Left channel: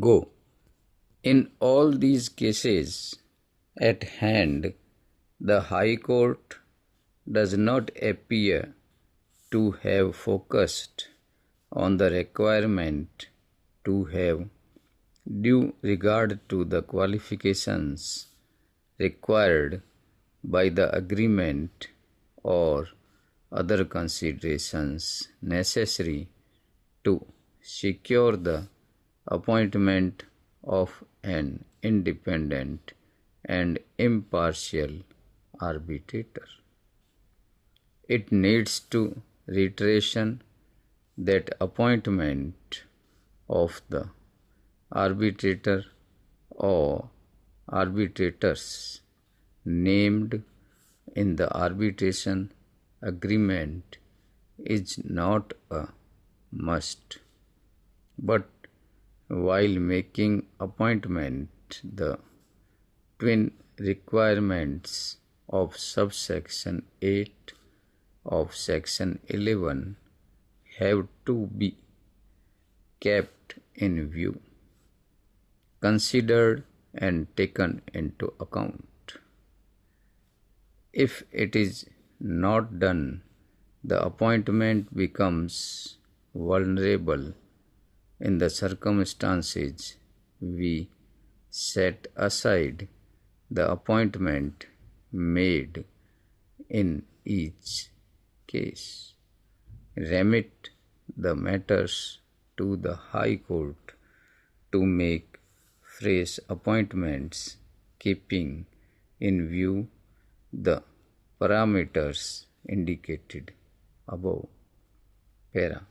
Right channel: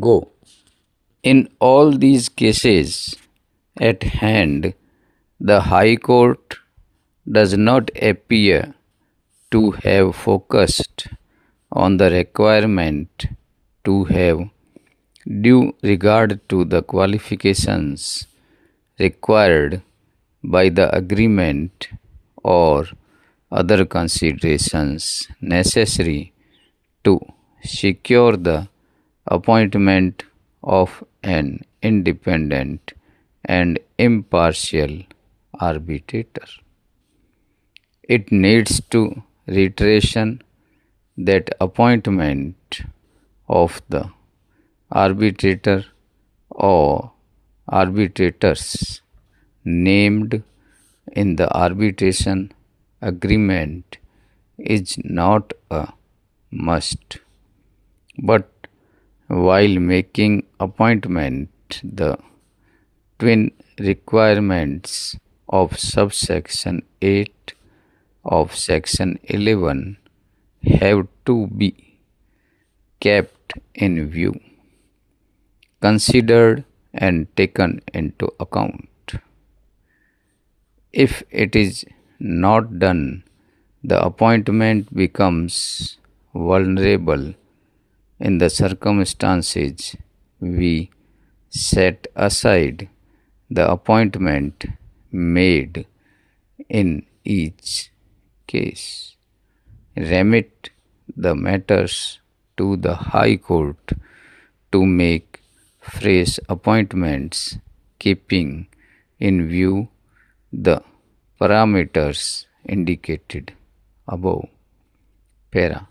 go. In all these cases at hand, the High Court does not appear to have focused on the requirement to have due regard to the qualifications required by the agreement or other considerations necessary to secure the appointment of an independent and impartial arbitrator. It needs to reiteration that appointment of the arbitrator or arbitrators named in the arbitration agreement is not a must, but while making appointment, the twin requirements of subsection 8 of section 11 have to be kept in view, considered and taken into account. If it is not done, the appointment becomes vulnerable. In the circumstances, we set aside the appointment made in each case, remit the matters to the High Court to make fresh appointments, keeping in view the parameters indicated above. Para.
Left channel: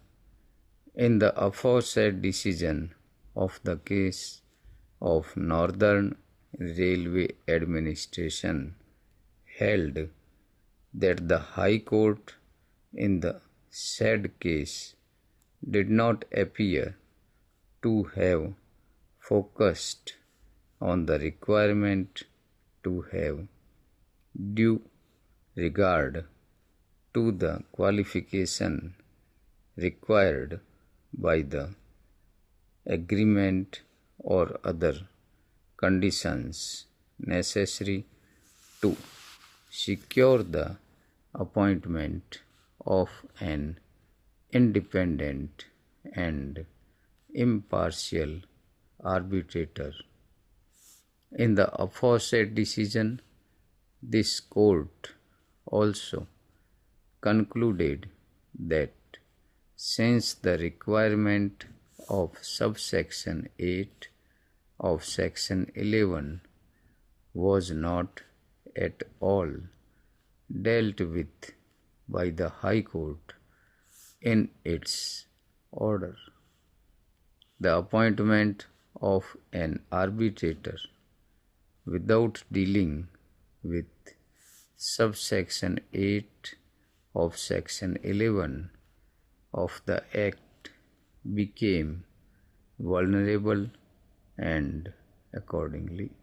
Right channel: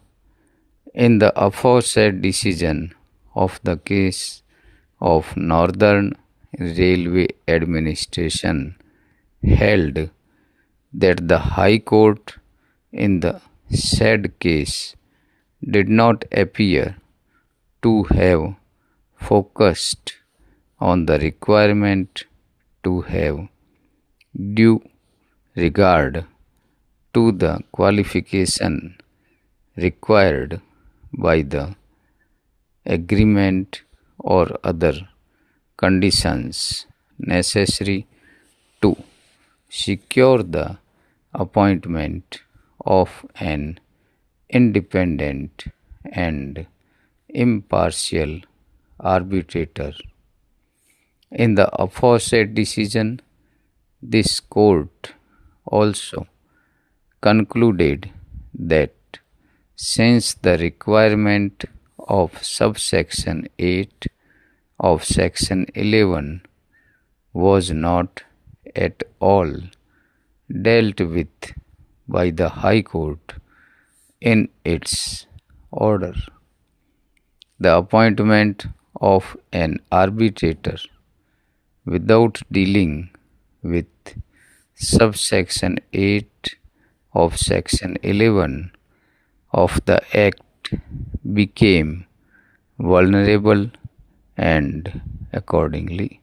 In the aforesaid decision of the case of Northern Railway Administration held that the High Court in the said case did not appear to have focused on the requirement to have due regard to the qualification required by the agreement or other conditions necessary to secure the appointment of an independent and impartial arbitrator. In the aforesaid decision, this court also concluded that since the requirement of subsection 8 of section 11 was not at all dealt with by the High Court in its order, the appointment of an arbitrator without dealing with subsection 8 of section 11 of the Act became vulnerable, and accordingly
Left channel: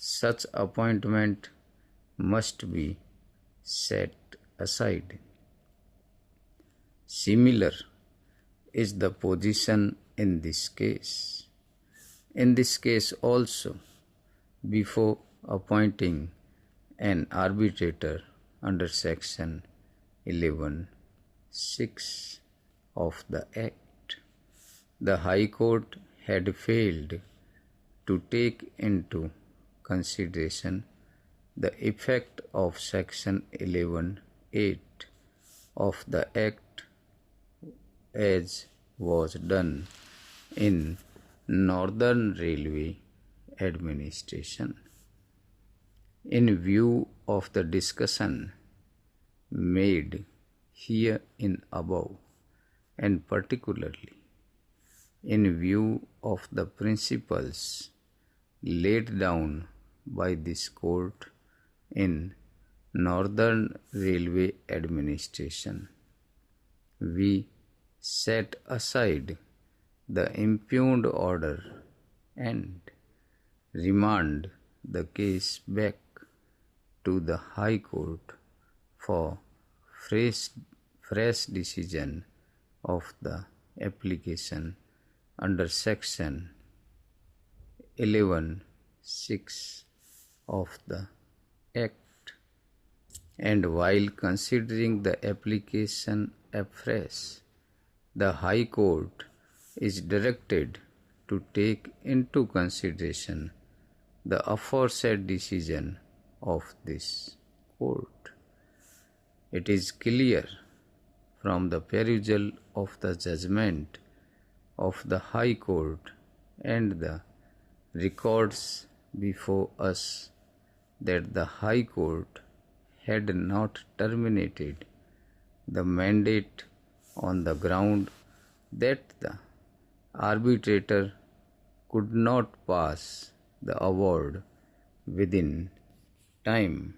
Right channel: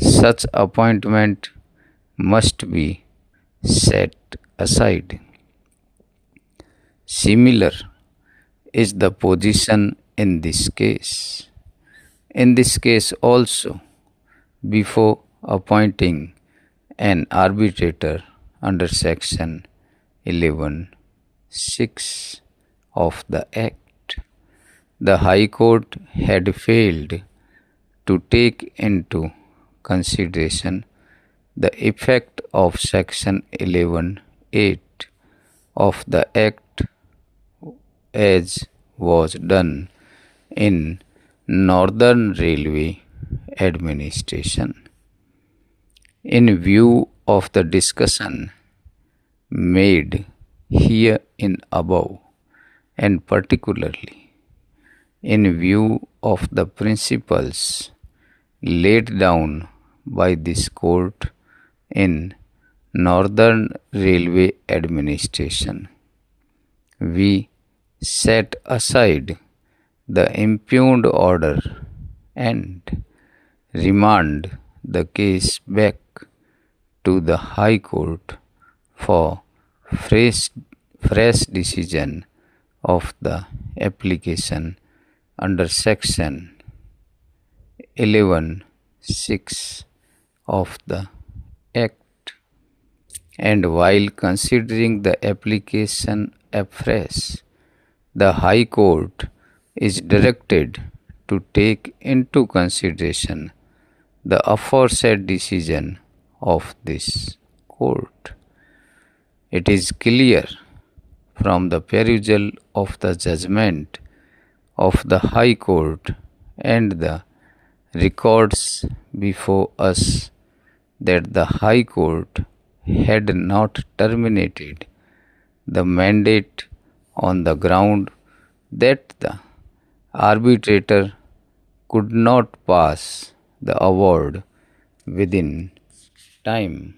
such appointment must be set aside. Similar is the position in this case. In this case also, before appointing an arbitrator under section 11(6) of the Act, the High Court had failed to take into consideration the effect of section 11(8) of the Act as was done in Northern Railway Administration. In view of the discussion made here in above, and particularly in view of the principles laid down by this court in Northern Railway Administration, we set aside the impugned order and remand the case back to the High Court for fresh decision of the application under section 11(6) of the Act, and while considering the application afresh, the High Court is directed to take into consideration the aforesaid decision of this court. It is clear from the perusal of the judgment of the High Court and the records before us that the High Court had not terminated the mandate on the ground that the arbitrator could not pass the award within time.